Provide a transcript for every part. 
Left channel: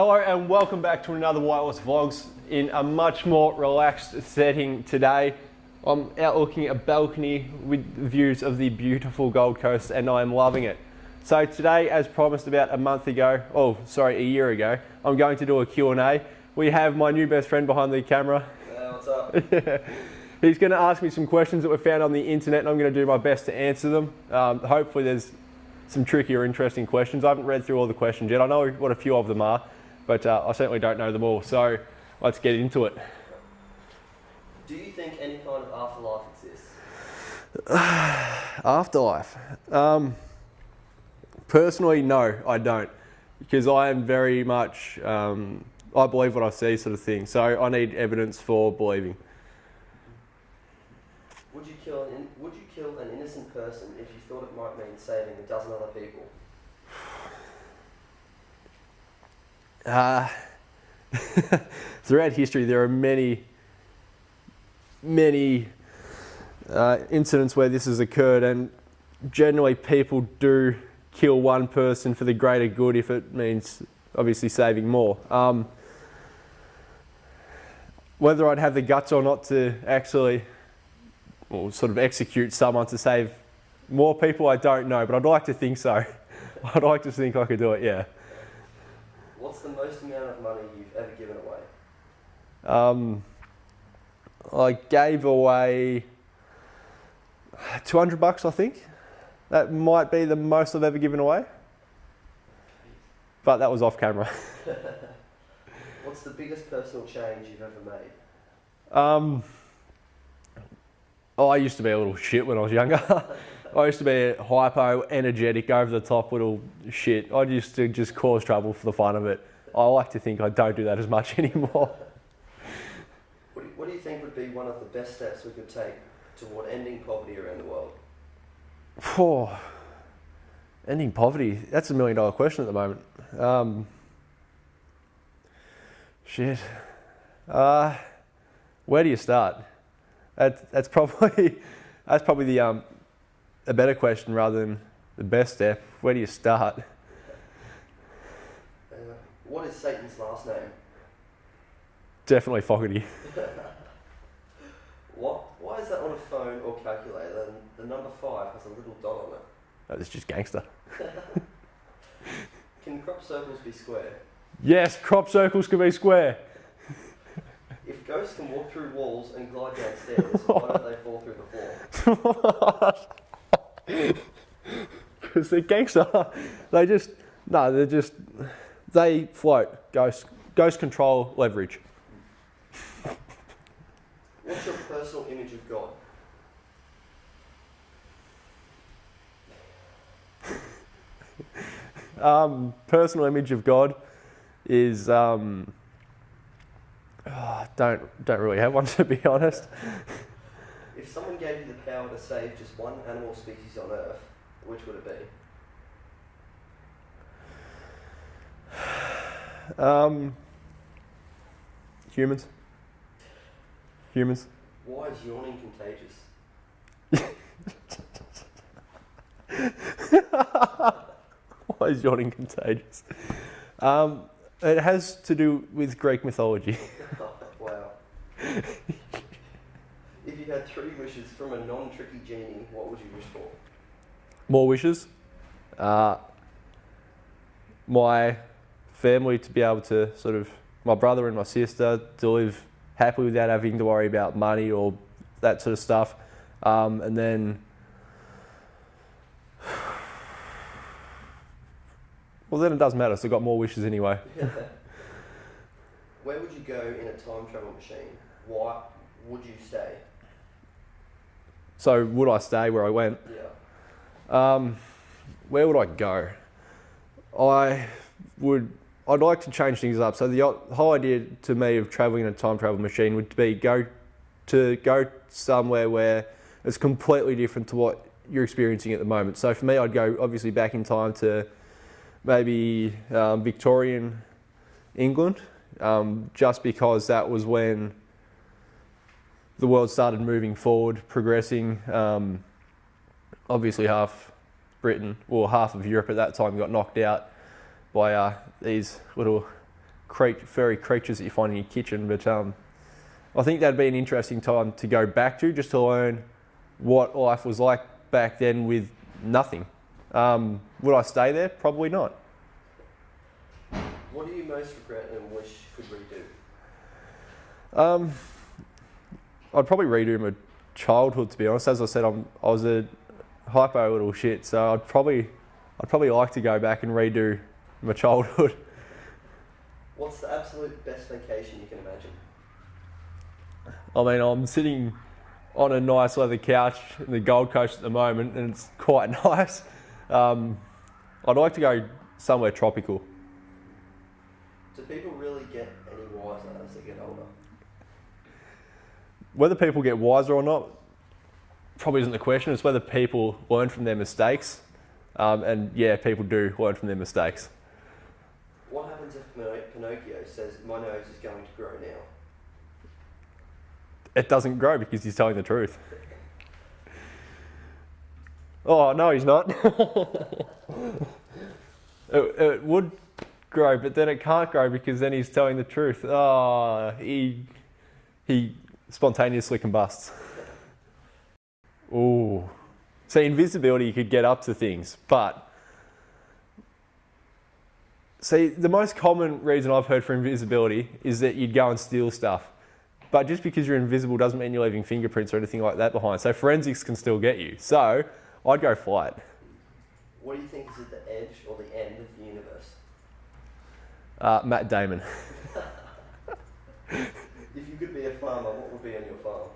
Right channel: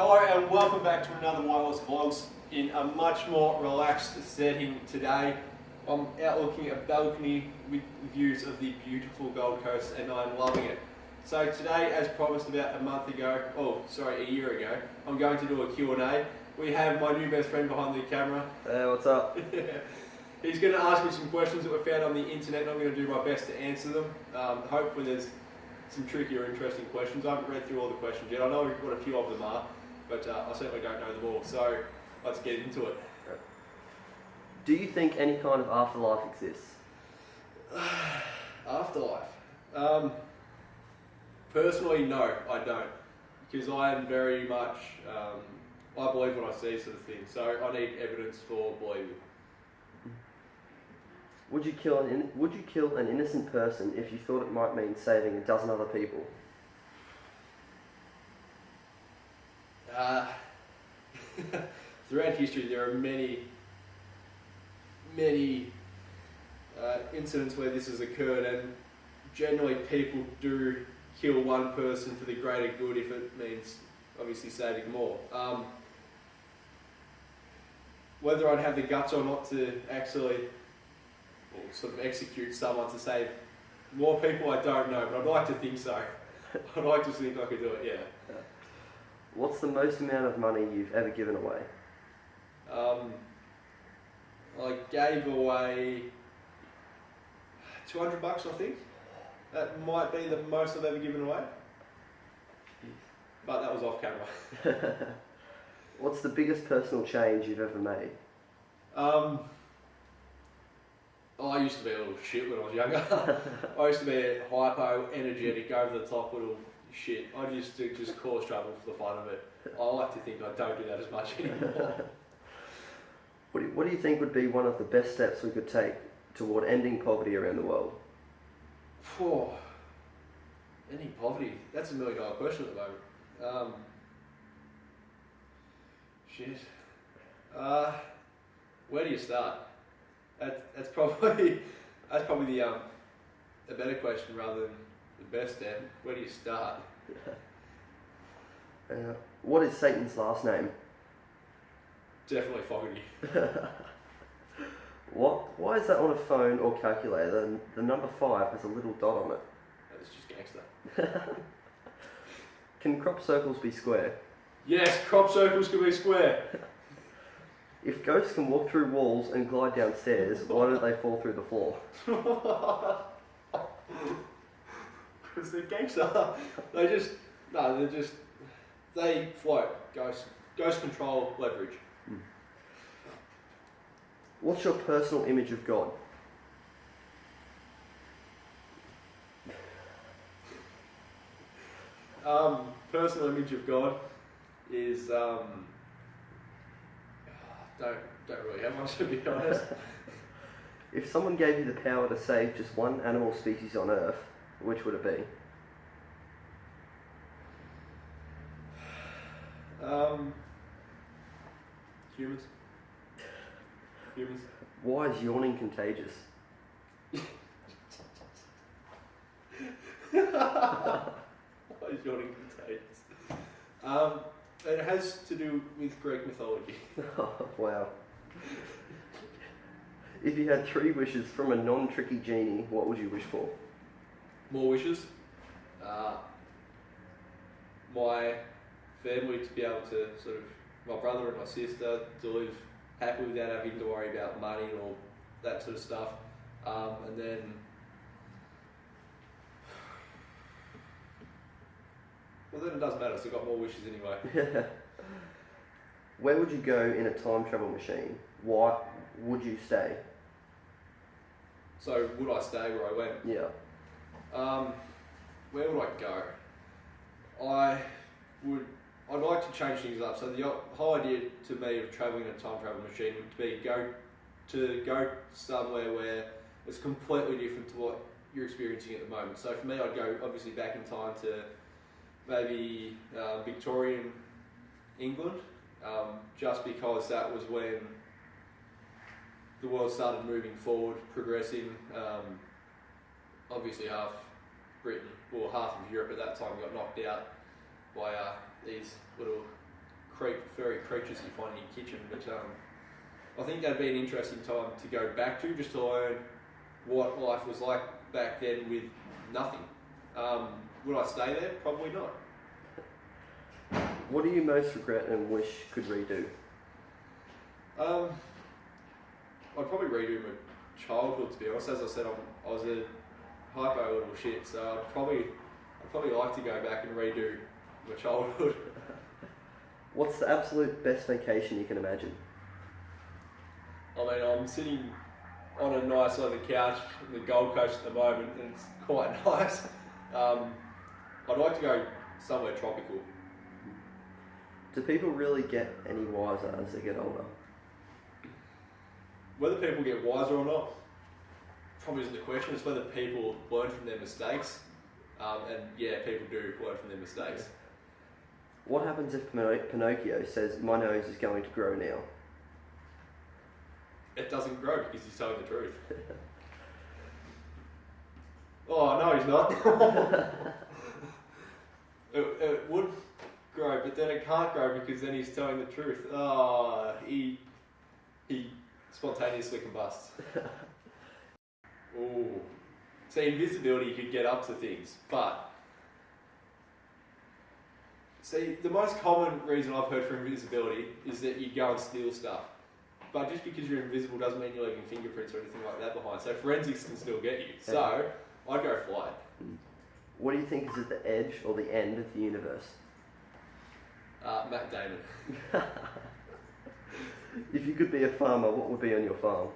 Hello and welcome back to another Wireless Vlogs in a much more relaxed setting today. I'm out looking at a balcony with views of the beautiful Gold Coast and I'm loving it. So today, as promised about a year ago, I'm going to do a Q&A. We have my new best friend behind the camera. Hey, what's up? He's going to ask me some questions that were found on the internet and I'm going to do my best to answer them. Hopefully there's some tricky or interesting questions. I haven't read through all the questions yet. I know what a few of them are, but I certainly don't know them all. So let's get into it. Do you think any kind of afterlife exists? Afterlife? Personally, no, I don't. Because I am very much, I believe what I see sort of thing. So I need evidence for believing. Would you kill an innocent person if you thought it might mean saving a dozen other people? Throughout history, there are many incidents where this has occurred, and generally people do kill one person for the greater good if it means obviously saving more. Whether I'd have the guts or not to actually sort of execute someone to save more people, I don't know, but I'd like to think so. I'd like to think I could do it, yeah. What's the most amount of money you've ever given away? I gave away $200, I think. That might be the most I've ever given away. But that was off camera. What's the biggest personal change you've ever made? I used to be a little shit when I was younger. I used to be a hypo, energetic, over the top little shit. I used to just cause trouble for the fun of it. I like to think I don't do that as much anymore. What do you think would be one of the best steps we could take toward ending poverty around the world? Ending poverty, that's $1 million question at the moment. Where do you start? That's probably the a better question rather than the best step. Where do you start? What is Satan's last name? Definitely Fogarty. Why is that on a phone or calculator? And the number 5 has a little dot on it. That's just gangster. Can crop circles be square? Yes, crop circles can be square. If ghosts can walk through walls and glide downstairs, why don't they fall through the floor? Because they're gangster. They float. Ghosts control leverage. What's your personal image of God? Personal image of God is don't really have one, to be honest. If someone gave you the power to save just one animal species on Earth, which would it be? Humans. Why is yawning contagious? Why is yawning contagious? It has to do with Greek mythology. Wow. If you had 3 wishes from a non-tricky genie, what would you wish for? More wishes. My family to be able to my brother and my sister to live happily without having to worry about money or that sort of stuff. And then, well, then it doesn't matter, so I've got more wishes anyway. Where would you go in a time travel machine? Why would you stay? So would I stay where I went? Yeah. Where would I go? I'd like to change things up. So the whole idea to me of traveling in a time travel machine would be go somewhere where it's completely different to what you're experiencing at the moment. So for me, I'd go obviously back in time to maybe Victorian England, just because that was when the world started moving forward, progressing. Obviously half Britain, or half of Europe at that time, got knocked out by these little furry creatures that you find in your kitchen. But I think that'd be an interesting time to go back to, just to learn what life was like back then with nothing. Would I stay there? Probably not. What do you most regret and wish could redo? I'd probably redo my childhood, to be honest. As I said, I was a hypo little shit, so I'd probably like to go back and redo my childhood. What's the absolute best vacation you can imagine? I mean, I'm sitting on a nice leather couch in the Gold Coast at the moment, and it's quite nice. I'd like to go somewhere tropical. Do people really get any wiser as they get older? Whether people get wiser or not probably isn't the question. It's whether people learn from their mistakes. And yeah, people do learn from their mistakes. What happens if Pinocchio says, my nose is going to grow now? It doesn't grow because he's telling the truth. Oh, no, he's not. It would grow, but then it can't grow because then he's telling the truth. Oh, he spontaneously combusts. Ooh. So invisibility, you could get up to things, but see, the most common reason I've heard for invisibility is that you'd go and steal stuff. But just because you're invisible doesn't mean you're leaving fingerprints or anything like that behind. So forensics can still get you. So I'd go flight. What do you think is at the edge or the end of the universe? Matt Damon. If you could be a farmer, what would be on your farm?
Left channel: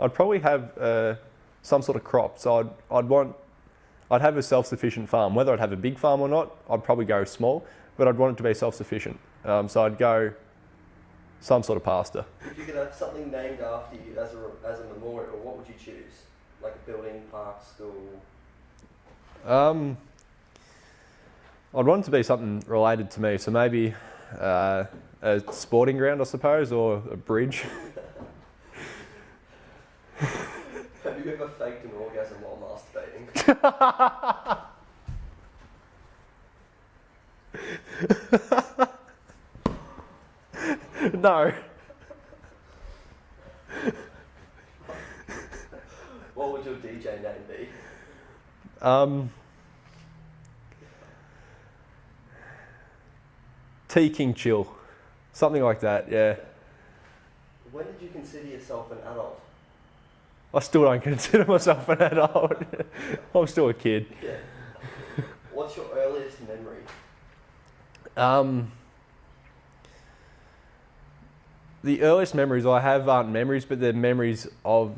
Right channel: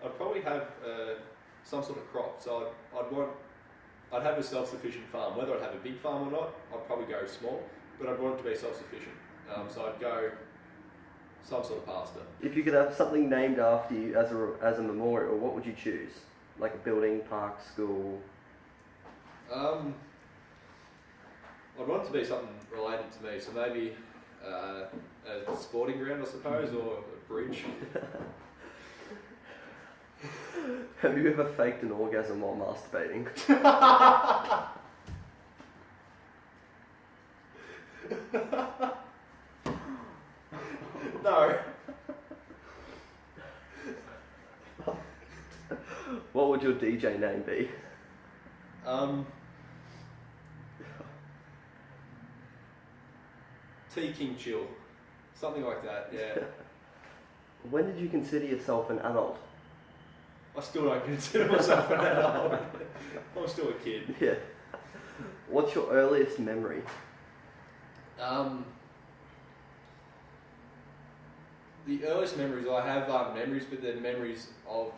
I'd probably have some sort of crop. So I'd have a self-sufficient farm. Whether I'd have a big farm or not, I'd probably go small, but I'd want it to be self-sufficient. So I'd go some sort of pasture. If you could have something named after you as a memorial, what would you choose? Like a building, park, school? I'd want it to be something related to me. So maybe a sporting ground, I suppose, or a bridge. Have you ever faked an orgasm while masturbating? No. What would your DJ name be? T King Chill. Something like that, yeah. When did you consider yourself an adult? I still don't consider myself an adult. I'm still a kid. Yeah. What's your earliest memory? The earliest memories I have aren't memories, but they're memories of,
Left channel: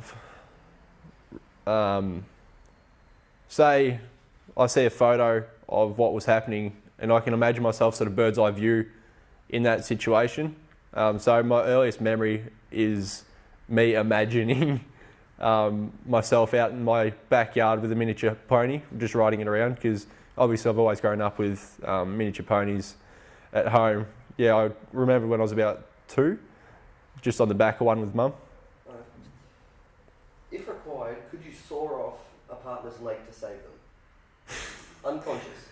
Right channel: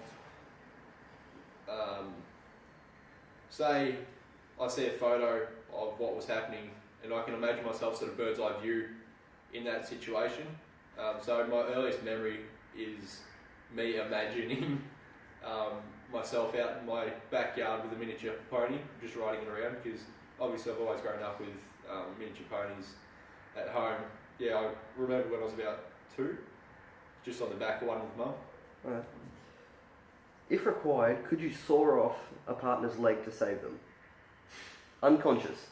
say, I see a photo of what was happening and I can imagine myself sort of bird's eye view in that situation. So my earliest memory is me imagining myself out in my backyard with a miniature pony, just riding it around, because obviously I've always grown up with miniature ponies at home. Yeah, I remember when I was about 2, just on the back of one with Mum. If required, could you saw off a partner's leg to save them? Unconscious.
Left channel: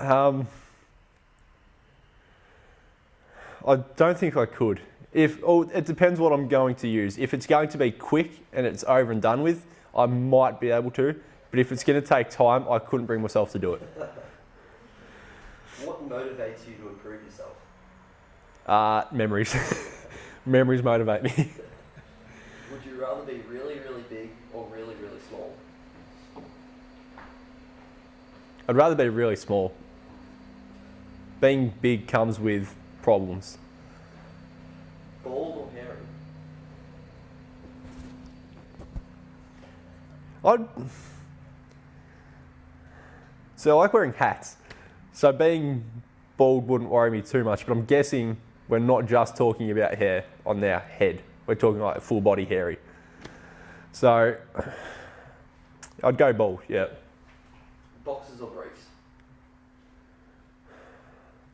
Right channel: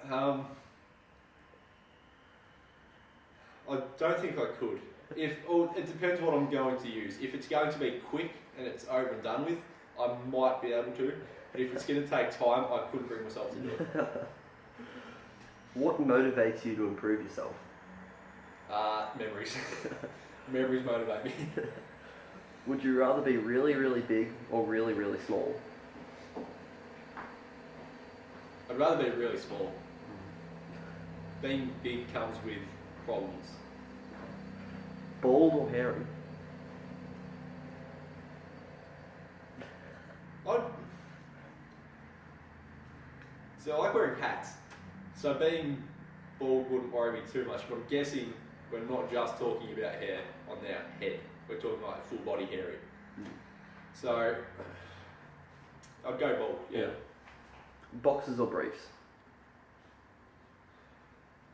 I don't think I could. It depends what I'm going to use. If it's going to be quick and it's over and done with, I might be able to. But if it's going to take time, I couldn't bring myself to do it. What motivates you to improve yourself? Memories. Memories motivate me. Would you rather be really, really big or really, really small? I'd rather be really small. Being big comes with problems. Bald or hairy? So I like wearing hats. So being bald wouldn't worry me too much, but I'm guessing we're not just talking about hair on their head. We're talking like full body hairy. So I'd go bald, yeah. Boxers or briefs?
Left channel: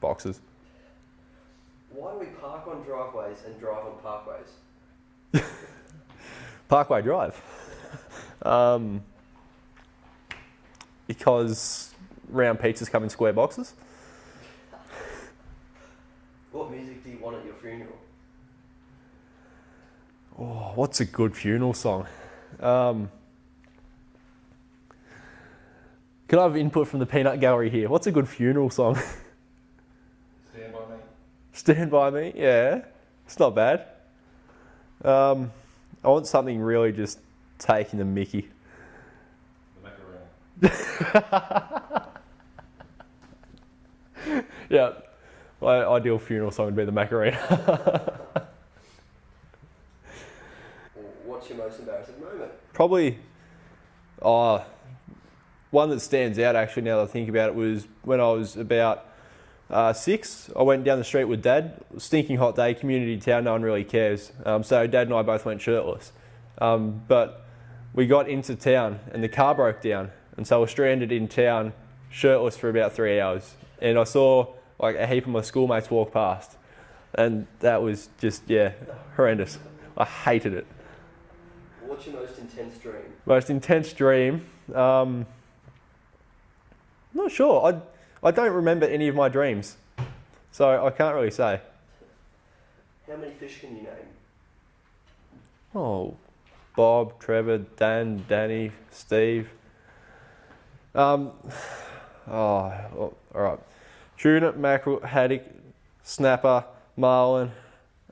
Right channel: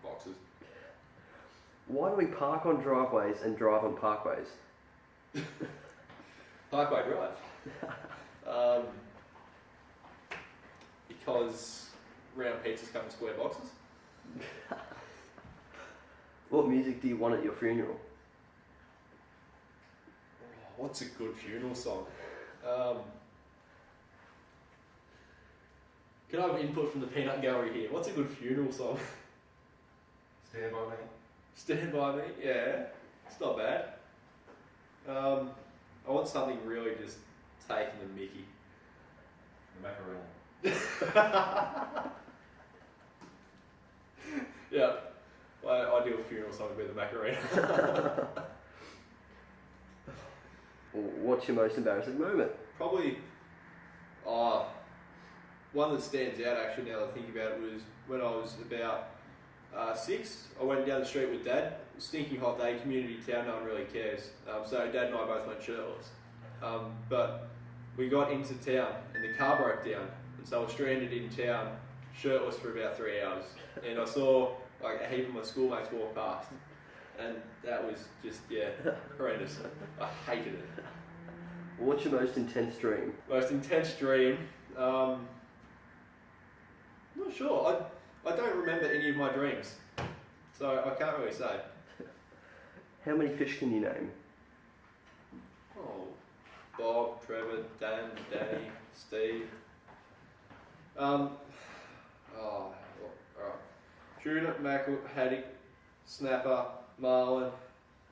Boxes. Why do we park on driveways and drive on parkways? Parkway Drive. because round pizzas come in square boxes. What music do you want at your funeral? Oh, what's a good funeral song? Can I have input from the peanut gallery here? What's a good funeral song? Stand by me. Stand By Me? Yeah, it's not bad. I want something really just taking the mickey. The Macarena. Yeah, my ideal funeral song would be the Macarena. What's your most embarrassing moment? Probably, one that stands out actually now that I think about it was when I was about 6. I went down the street with Dad. Stinking hot day, community town, no one really cares. So Dad and I both went shirtless. But we got into town and the car broke down. And so we're stranded in town, shirtless for about 3 hours. And I saw like a heap of my schoolmates walk past. And that was just, horrendous. I hated it. What's your most intense dream? Most intense dream? Not sure. I don't remember any of my dreams. So I can't really say. How many fish can you name? Oh, Bob, Trevor, Dan, Danny, Steve. All right. Tuna, mackerel, haddock, snapper, marlin.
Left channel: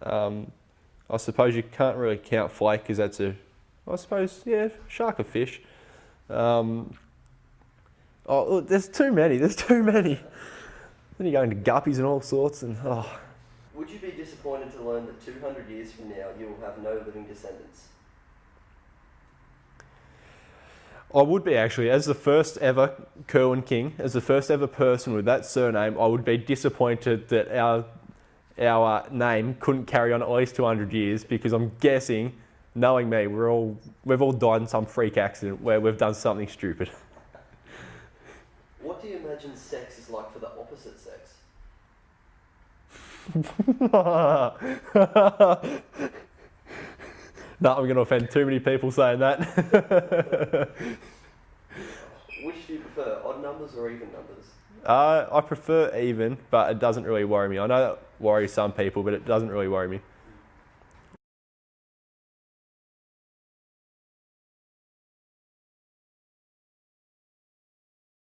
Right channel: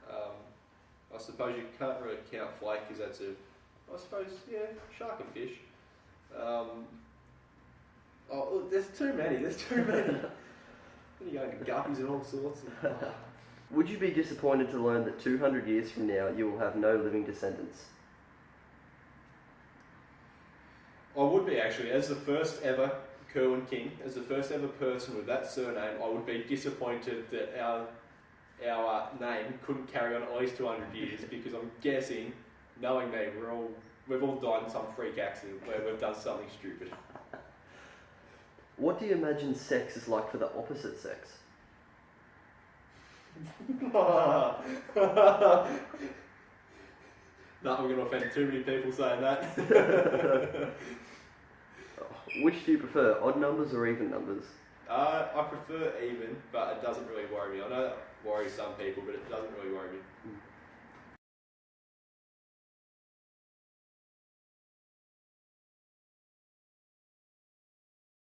I suppose you can't really count flake because that's shark or fish. Look, there's too many. Then you go into guppies and all sorts and Would you be disappointed to learn that 200 years from now you will have no living descendants? I would be actually, as the first ever Kerwin King, as the first ever person with that surname, I would be disappointed that our name couldn't carry on at least 200 years because I'm guessing, knowing me, we've all died in some freak accident where we've done something stupid. What do you imagine sex is like for the opposite sex? No, I'm going to offend too many people saying that. Which do you prefer, odd numbers or even numbers? I prefer even, but it doesn't really worry me. I know that worries some people, but it doesn't really worry me.